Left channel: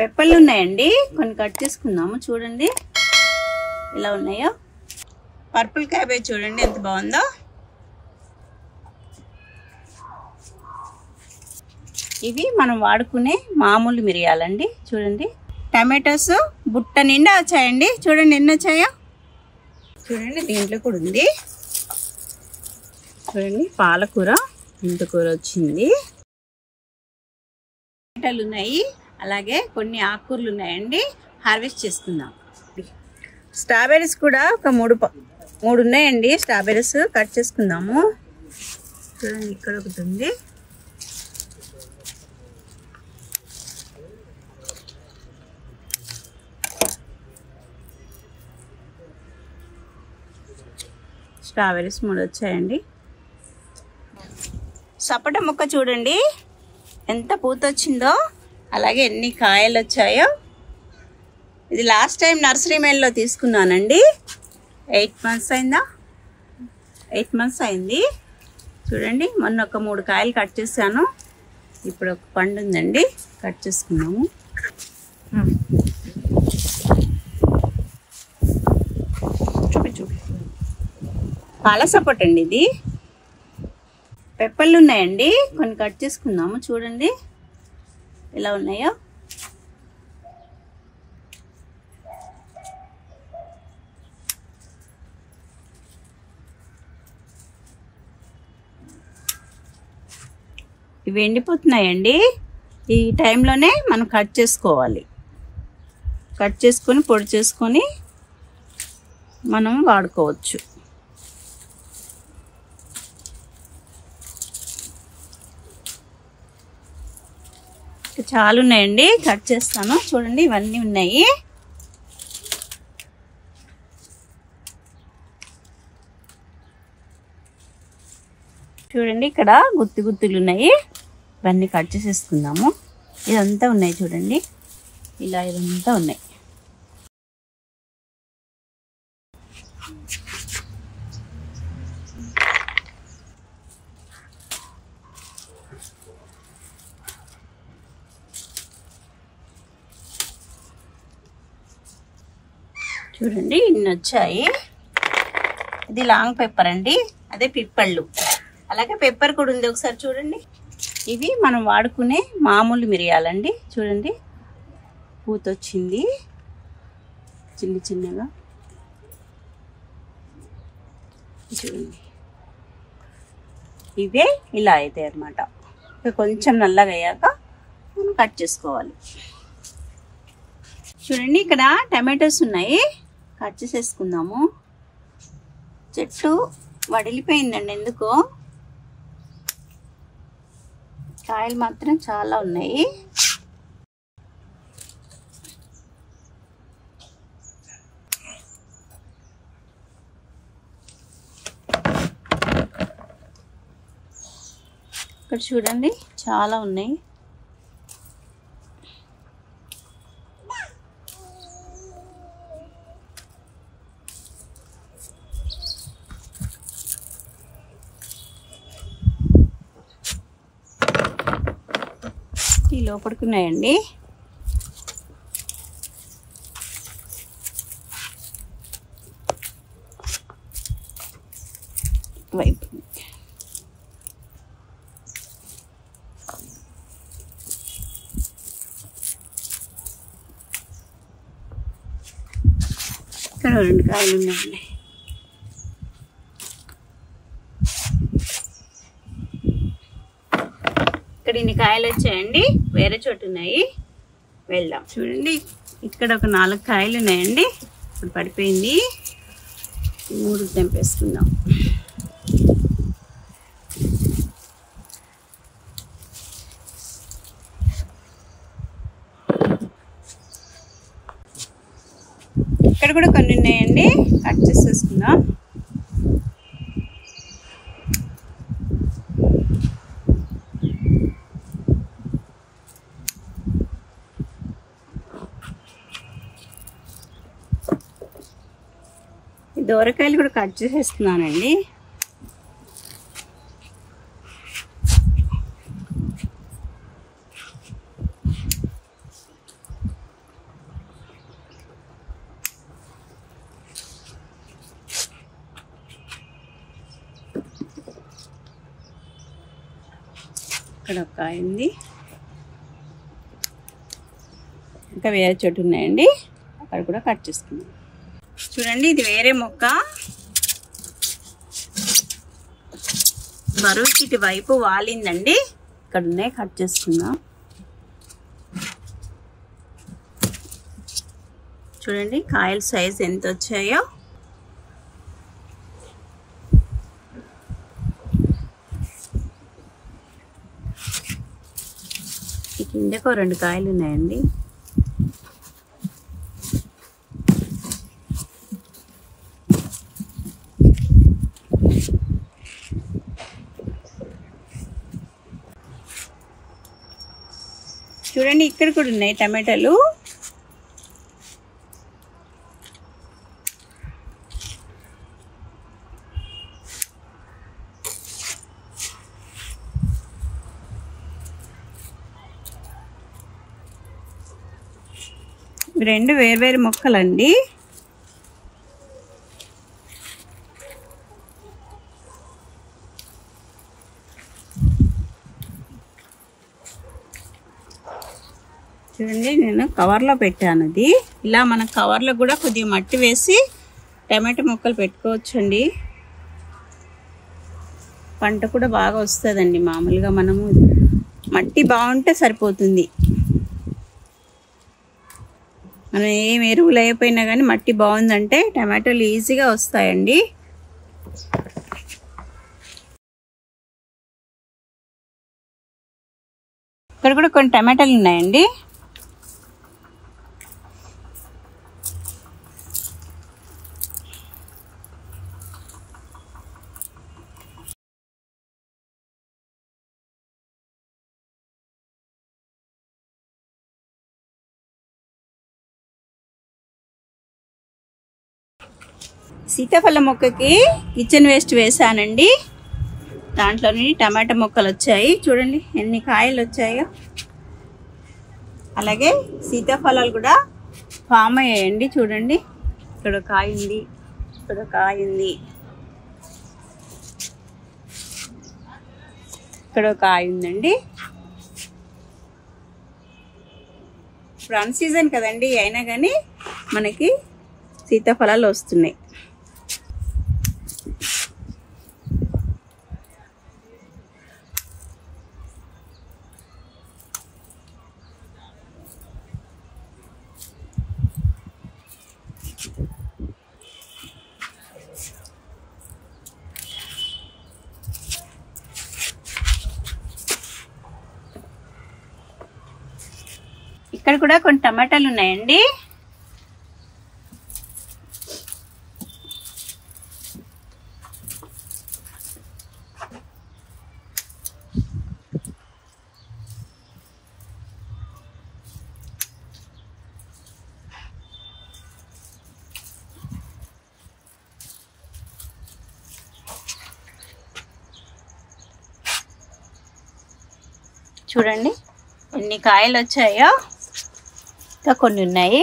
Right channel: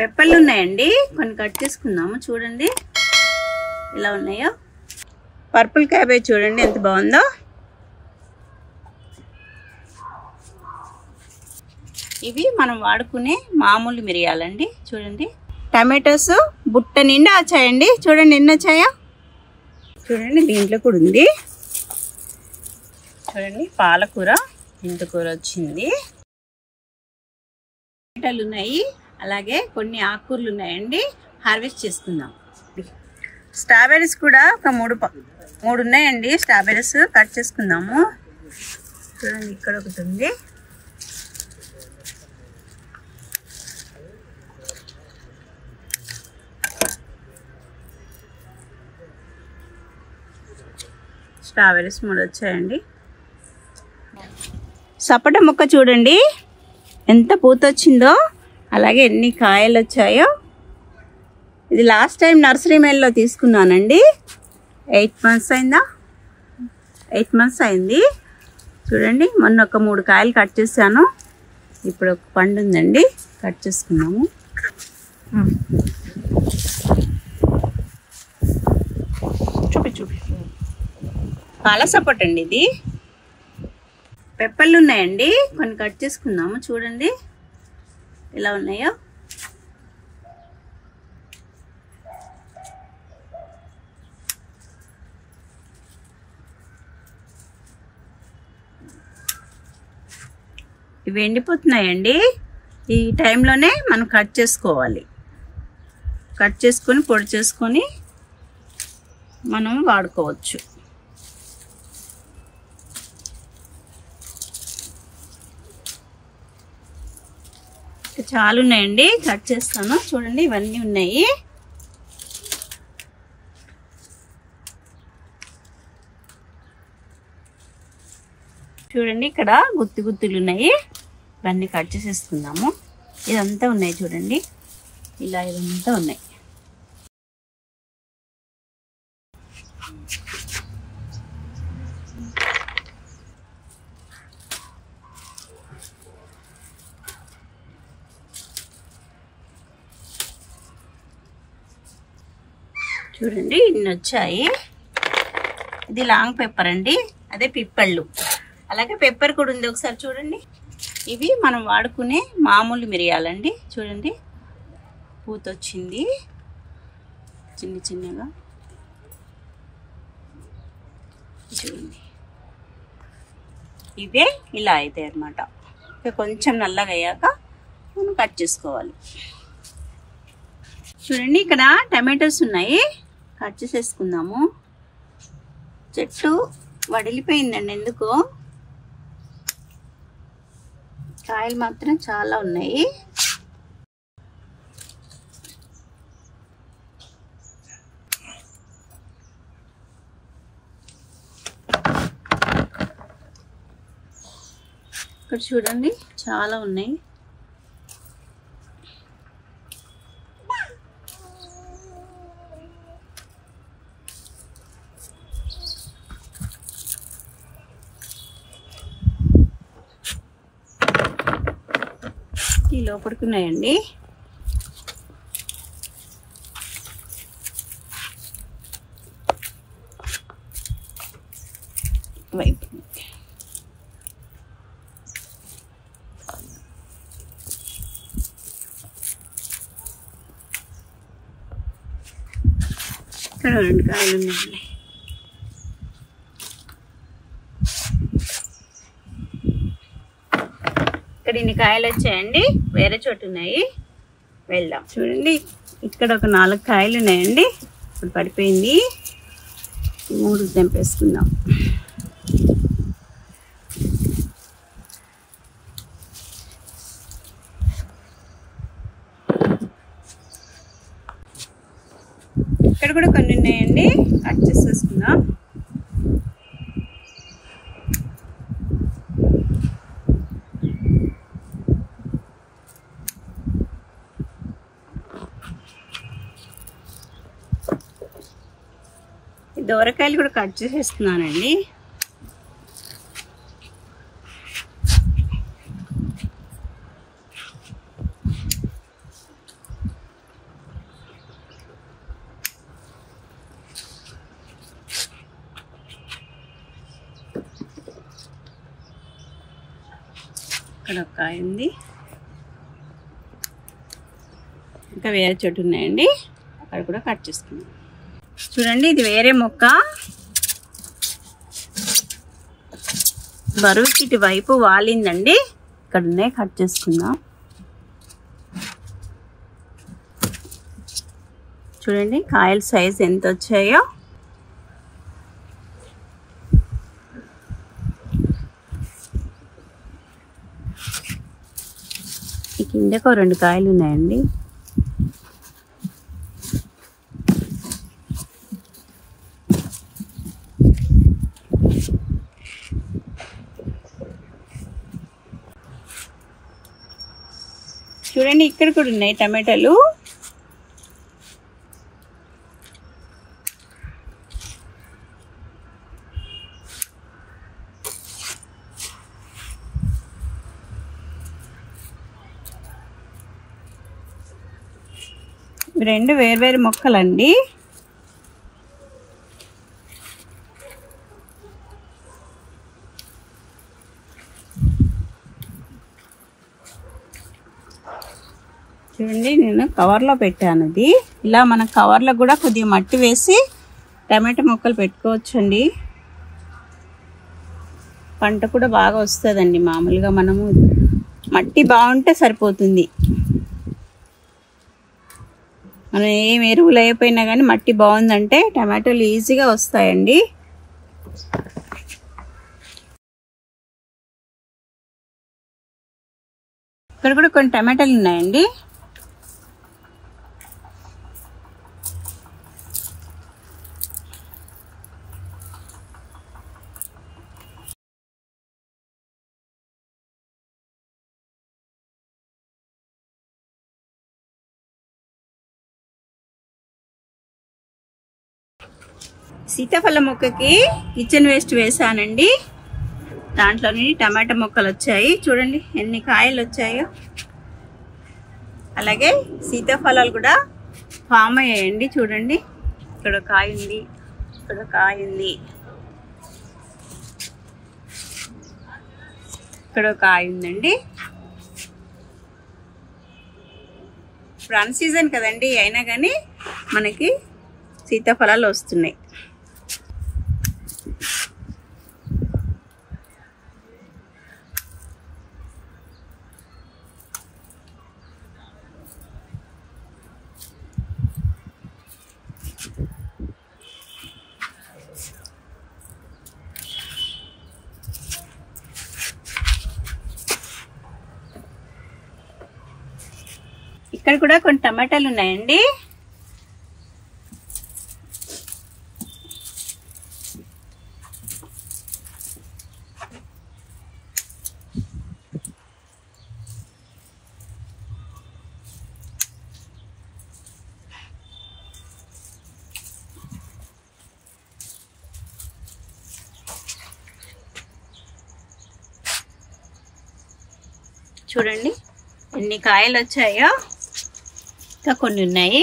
పెప్పర్లు ఉన్నాయండి, కొన్ని కట్ చేసుకుందాము. చూడండి ఎలా ఉన్నాయో. పర్పుల్ క్యాబేజ్ చూడండి ఎంత బాగుందో. ఇవి మనం వాడుకునే మామూలు మిరియాలండి. చూడండి టమాటోస్ బుట్ట నిండా వచ్చాయండి. చూడండి ఎన్ని వచ్చాయో. చూడండి దీంట్లో కూడా ఉంది. చూడండి పాలకూర, మెంతికూర వచ్చింది. టమాటాలు ఉన్నాయి, అలాగే కొన్ని ఆకుకూరలు ఉన్నాయండి. హార్వెస్ట్ చేసుకుందాం. స్ట్రాబెర్రీస్ కూడా ఒక మూడు ఉన్నాయండి. స్ట్రాబెర్రీస్ కట్ చేసుకుందాము. చూడండి ఇక్కడ ఒకటి ఉంది. స్ట్రాబెర్రీస్ 3 వచ్చాయండి. సపోటా ముక్క చూడండి ఎంత పూత వచ్చిందో, అలాగే ఎన్ని కాయలు వచ్చాయో. ఇది లాస్ట్ టైం నర్సరీ మేల్లో తీసుకున్నానండి. 8 months అయిందా, 8 months అయింది. చూడండి మొన్న ఒక 3 కాయలు కట్ చేశాను. ఇప్పుడు ఒక పండు ఉందండి, కట్ చేసుకున్నాము. చూపి పాల సపోటా అండి ఇది. పెప్పర్లు ఉన్నాయండి, కొన్ని కట్ చేసుకుందాము. చూడండి ఎలా ఉన్నాయో. ఇవి ఎండిపోతున్నాయండి. ఈ టైంలోనే మనం కట్ చేసుకోవాలి. కట్ చేసుకొని పొడి చేసుకొని మనం వాడుకోవచ్చు. చాలా ఉన్నాయండి, కట్ చేస్తాను. చూడండి ఇవన్నీ ఉన్నాయి. చూడండి ఇక్కడ గుత్తులు ఉన్నాయి. ఇవన్నీ కట్ చేసేసుకుందాము. ఇదంతా ఉన్నాయి చూడండి, ఇలా ఇదంతా ఉన్నాయి. చూడండి ఇన్ని వచ్చాయి. ఇది లాంగ్ పెప్పర్ అండి, అదే పిప్పళ్ళు. అలాగే పెప్పర్ కూడా ఉంది, ఒకసారి చూడండి. ఇవి మనం వాడుకునే మామూలు మిరియాలండి. చూడండి పూత వచ్చింది చిన్నగా. చూడండి ఇవే ఇలా అవుతాయి అన్నమాట. కొంచెం నల్లగా అయ్యాక మనం కట్ చేసుకోవాలి. చూడండి ఇక్కడ టమాటోస్ ఉన్నాయి, కట్ చేసేసుకుందాము. చెట్టు వడిలిపోయిందండి ఎందుకో, కాయలు మాత్రం చాలా ఉన్నాయి. ఇక్కడ చూడండి చాలా ఉన్నాయి. ఈ లోపలికి ఉన్నాయండి. వైపు ఇక్కడ 2 కాయలు ఉన్నాయండి. ఇక్కడ ఇన్ని కాయలు వచ్చాయండి, వేరే చోటు ఉన్నాయి, వెళ్దాం. చూడండి ఇక్కడ ఒక 4 కాయలు ఉన్నాయండి. ఇప్పుడు పడిపోయింది, 3 తెంపేసుకుందాం. ఇక్కడ కూడా కొన్ని ఉన్నాయండి, కట్ చేసేసుకుందాం. దోరకాయలు కూడా కట్ చేసేస్తున్నానండి. ఇక్కడ ఒక కాయ ఉంది, ఇంకా వేరే చోటు ఉన్నాయండి, అక్కడ కూడా కట్ చేసుకున్నాం. చూడండి ఇది వేరే మొక్క, బరువుకి ఇటు వైపు వాలిందండి, ఇక్కడ ఉన్నాయి, కట్ చేసుకుందాం. చూడండి కాయల సైజ్ ఎంత వచ్చాయో. ఈ కిందకు 2 కాయలు ఉన్నాయండి. చూడండి ఇక్కడ కూడా ఉన్నాయి టమాటాలు. రెండు వేర్వేరు మొక్కలండి. చూడండి నేను కవర్లో పెట్టాను. ఇది ఇలా మన కవర్లో కూడా కొద్దిగా మట్టి వేసి టమాటా మొక్కలు పెట్టుకోవచ్చండి. పంట కూడా బాగా వస్తుందండి. మామూలుగా మనము మట్టి బాగుంటే సరిపోతుంది. మనం ఏం ఎరువులు అయిపోయినా కానీ మట్టి బాగుందంటే టమాటాలు ఈజీగా వస్తాయండి. ఇక్కడ కూడా కొన్ని టమాటాలు ఉన్నాయండి. సీతాఫలం మొక్కకి కిచెన్ వేస్ట్ వేసానండి. దాంట్లోని టమాటా మొక్కలు వచ్చాయి. చూడండి ఎన్ని కాయలు వచ్చాయో. అలాగే సీతాఫలాలు కూడా ఫామ్ అయ్యాయండి. చూడండి ఇక్కడ కాయ ఉంది, ఇక్కడ కాయ ఉంది, ఇక్కడ కాయ ఉందండి. ఇప్పుడు అన్ సీజన్ కదండి, అయినా కానీ మనకి సీతాఫలాలు వస్తున్నాయి. ఇక్కడ కూడా కొన్ని టమాటాలు ఉన్నాయండి. చూడండి ఎన్ని కాయలు వచ్చాయో. ఇంకా కొన్ని ఉన్నాయి.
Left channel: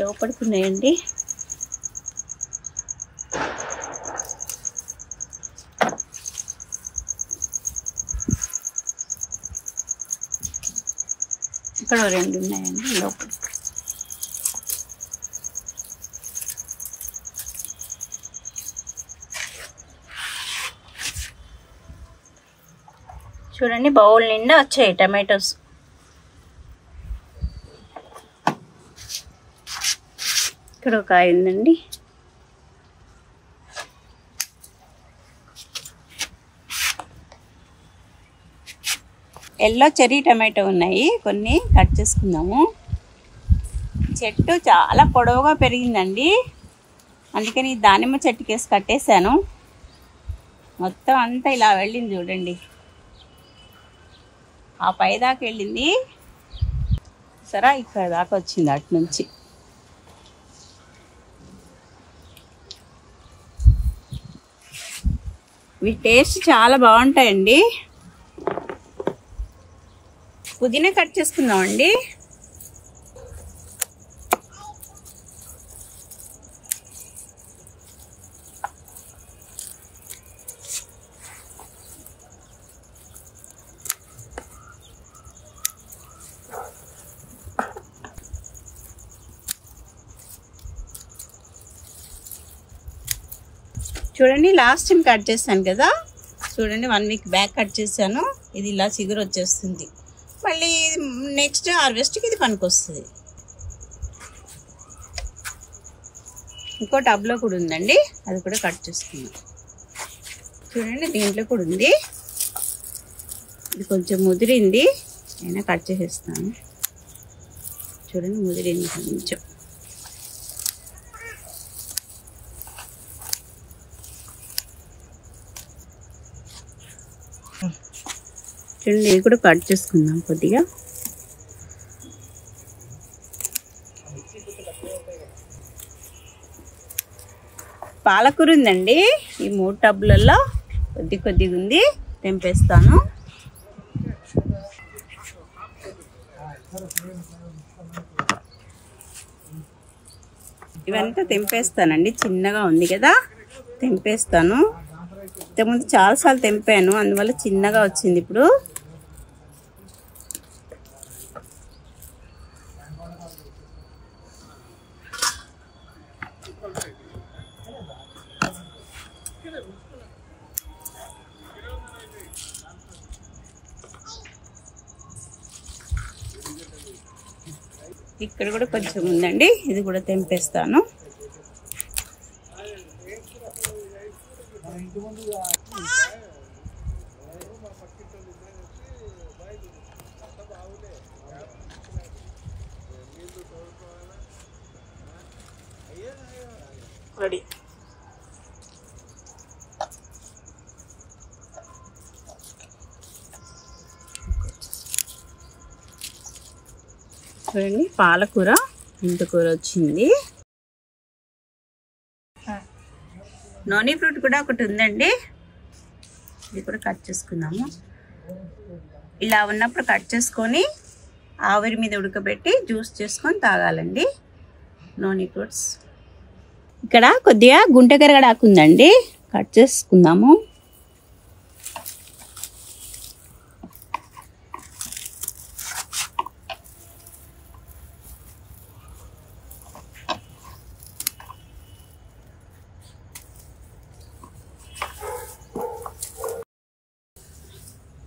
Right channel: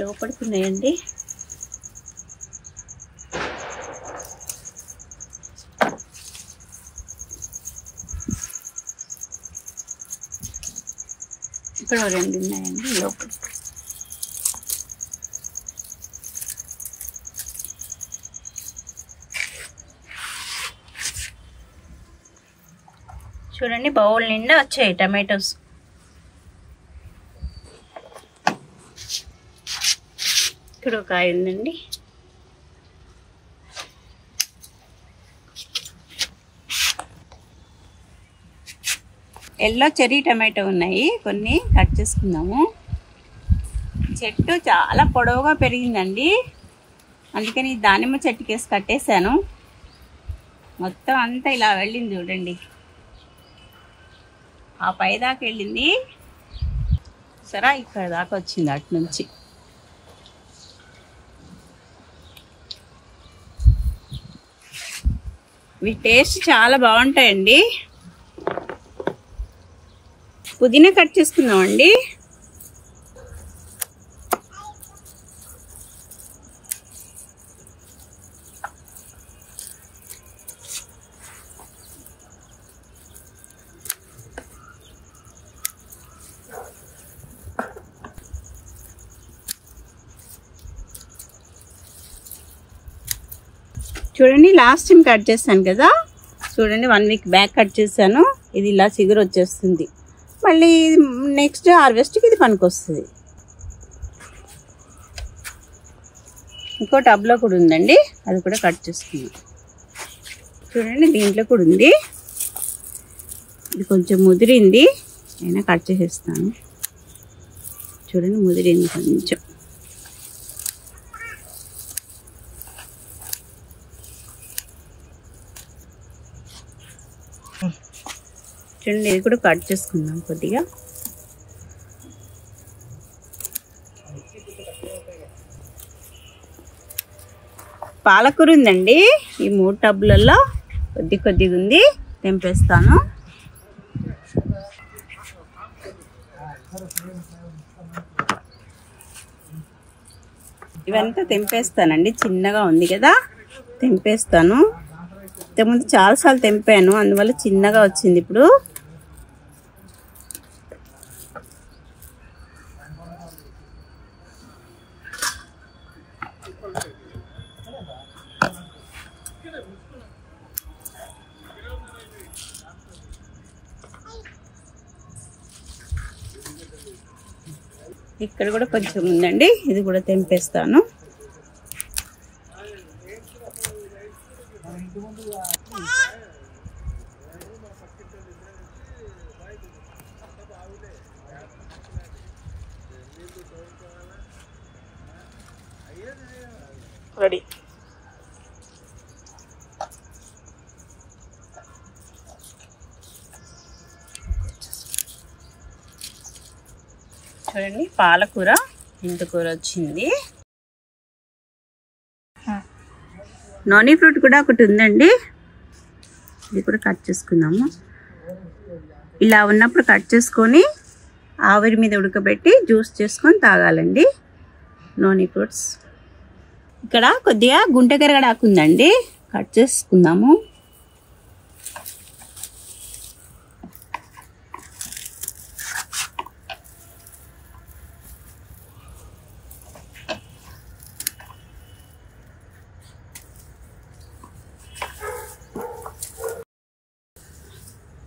లోపలికి ఉన్నాయండి. ఇక్కడ 2 ఉన్నాయండి లోపలికి. చూడండి బౌల్ నిండా వచ్చాయి టమాటోస్. ఇక్కడ ఒక కాయ ఉందండి. ఎల్లో చెర్రీ టమాటో ఉన్నాయి, కొన్ని కట్ చేసుకుందాము. చెట్టు చాలా పొడవుగా పెరిగిందండి, అందుకని దానిమ్మ చెట్టుకేసి కట్టేశాను. మొత్తం అంతా ఇలా వెళ్ళింది చూడండి, ఆ పై దాకా వెళ్ళింది సరే, ఇక్కడ దాకా వచ్చింది అటు నుంచి. ఇవి టేస్ట్ చాలా బాగుంటాయండి. పుదీనా కట్ చేసుకుందామండి. చూడండి లాస్ట్ టైం కట్ చేశాను కదా, చూడండి 1 వీక్ బ్యాక్ కట్ చేశాను. ఇది ఇలా చిగురు వచ్చేస్తుంది. మళ్ళీ నెక్స్ట్ హార్వెస్ట్కి ఇది పనికొస్తుంది. ఇంకో టబ్లో కూడా ఉందండి, అది కూడా కట్ చేసుకుందాం. చూడండి దీంట్లో కూడా ఉంది. ఇది కొంచెం ముదిరింది, అయినా కట్ చేసేస్తాను. చూడండి ముదిరింది కొంచెం. చూడండి ఇది కూడా కట్ చేసుకుందాం కొద్దిగా. పాలకూర ఉందండి, ఈ 3 టబ్లలో కొద్దిగా ఉంది, తెంపేస్తాను. ఇవంతా తెంపేస్తానండి, చిన్నగా ఉంది కదా తెంపేస్తాను. ఇంతకుముందు చాలాసార్లు తెంపాను, అందువల్ల చిన్నగా వచ్చింది. ఇప్పుడు ఇక్కడ కూడా కొంచెం ఉందండి, ఇది కూడా తెంపేస్తాను. రెడీ. చూడండి పాలకూర, మెంతికూర వచ్చింది. నోనీ ఫ్రూట్ కూడా ఒకటి ఉందండి, ఇది కూడా కట్ చేసుకుందాము. ఇలా ఉన్నప్పుడు కట్ చేసుకొని ఆవిరి మీద ఉడకబెట్టి జ్యూస్ చేసుకొని తాగాలండి నోనీ ఫ్రూట్స్. ఇక్కడ కొద్దిగా గుంటగరగడాకు ఉందండి, కట్ చేసుకుందాము.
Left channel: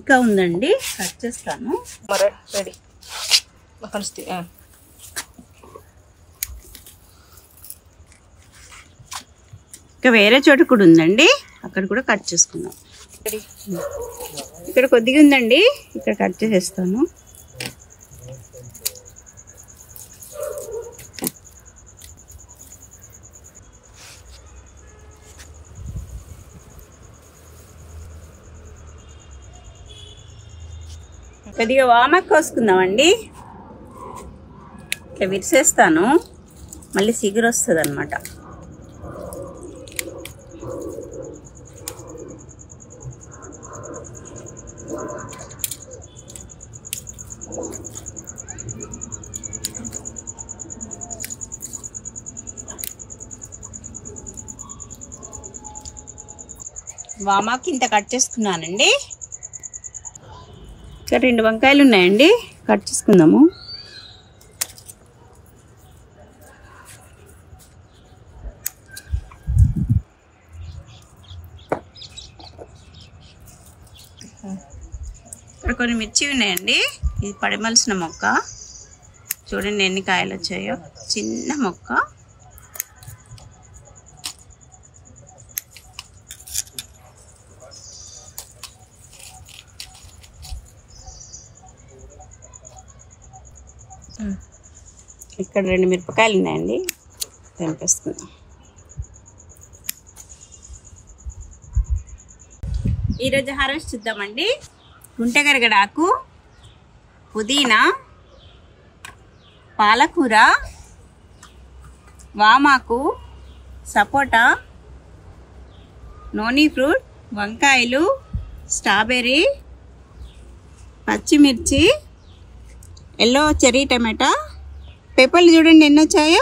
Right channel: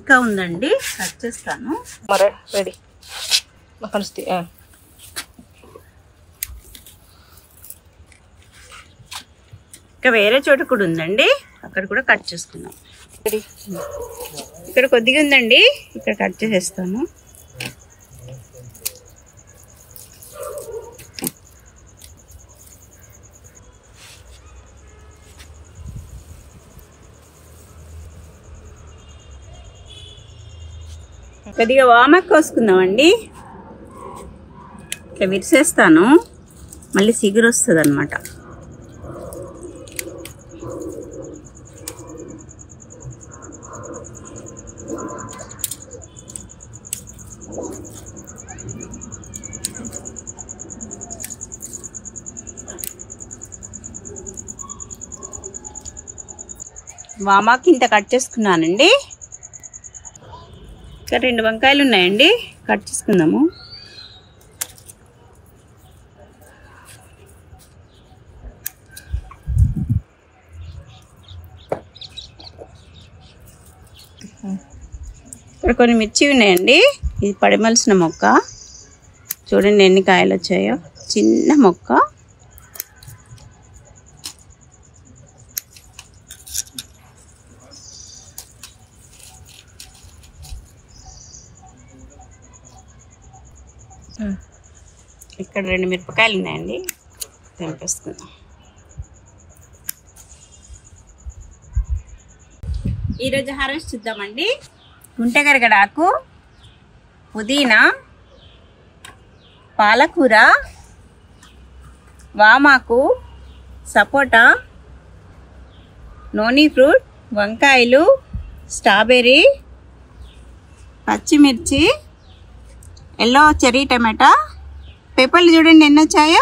ఇంకా ఉందండి, కట్ చేస్తాను. రెడీ కలుస్తాయి. ఇంకా వేరే చోట కూడా ఉందండి, అక్కడ కూడా కట్ చేసుకుందాం. రెడీ. ఇక్కడ కొద్దిగా ఉందండి, ఇక్కడ కట్ చేసేస్తాను. కొద్దిగా వామాకు కోసుకుందామండి. ఇట్లా విరిసేస్తాను, మళ్ళీ సిగురు వస్తుంది అన్నమాట. వామాకు ఇంత కట్ చేసుకున్నానండి. ఇక్కడ 2 వంకాయలు ఉన్నాయండి, కట్ చేసుకుందాము. ఇక్కడ కొన్ని మిర్చి ఉన్నాయండి, ఇది పడిమలిసిన మొక్క. చూడండి ఎన్ని కాయలు వచ్చాయో, చిన్న మొక్క. ఇక్కడ 2 మిరపకాయలు ఉన్నాయండి, తెంపేస్తున్నాం. ఈరోజు హార్వెస్ట్ చూద్దామండి. గుంటగరగడాకు, పుదీనా, పాలకూర, వామాకు, సపోటా, నోనీ ఫ్రూట్, వంకాయలు, స్ట్రాబెర్రీ, పచ్చిమిర్చి, ఎల్లో చెర్రీ టమాటా, పేపర్లు చూడండి ఎన్ని వచ్చాయో.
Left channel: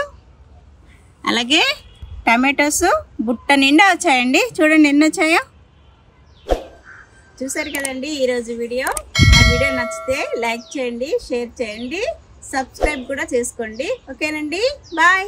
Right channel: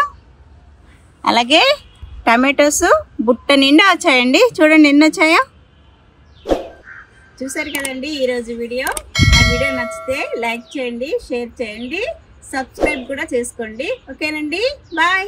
అలాగే టమాటోస్ బుట్ట నిండా వచ్చాయండి, చూడండి ఎన్ని వచ్చాయో. చూసారు కదండి ఈరోజు వీడియో. ఆ వీడియో నచ్చితే లైక్ చేయండి, షేర్ చేయండి, సబ్స్క్రైబ్ కూడా చేసుకోండి. ఓకేనండి, బాయ్.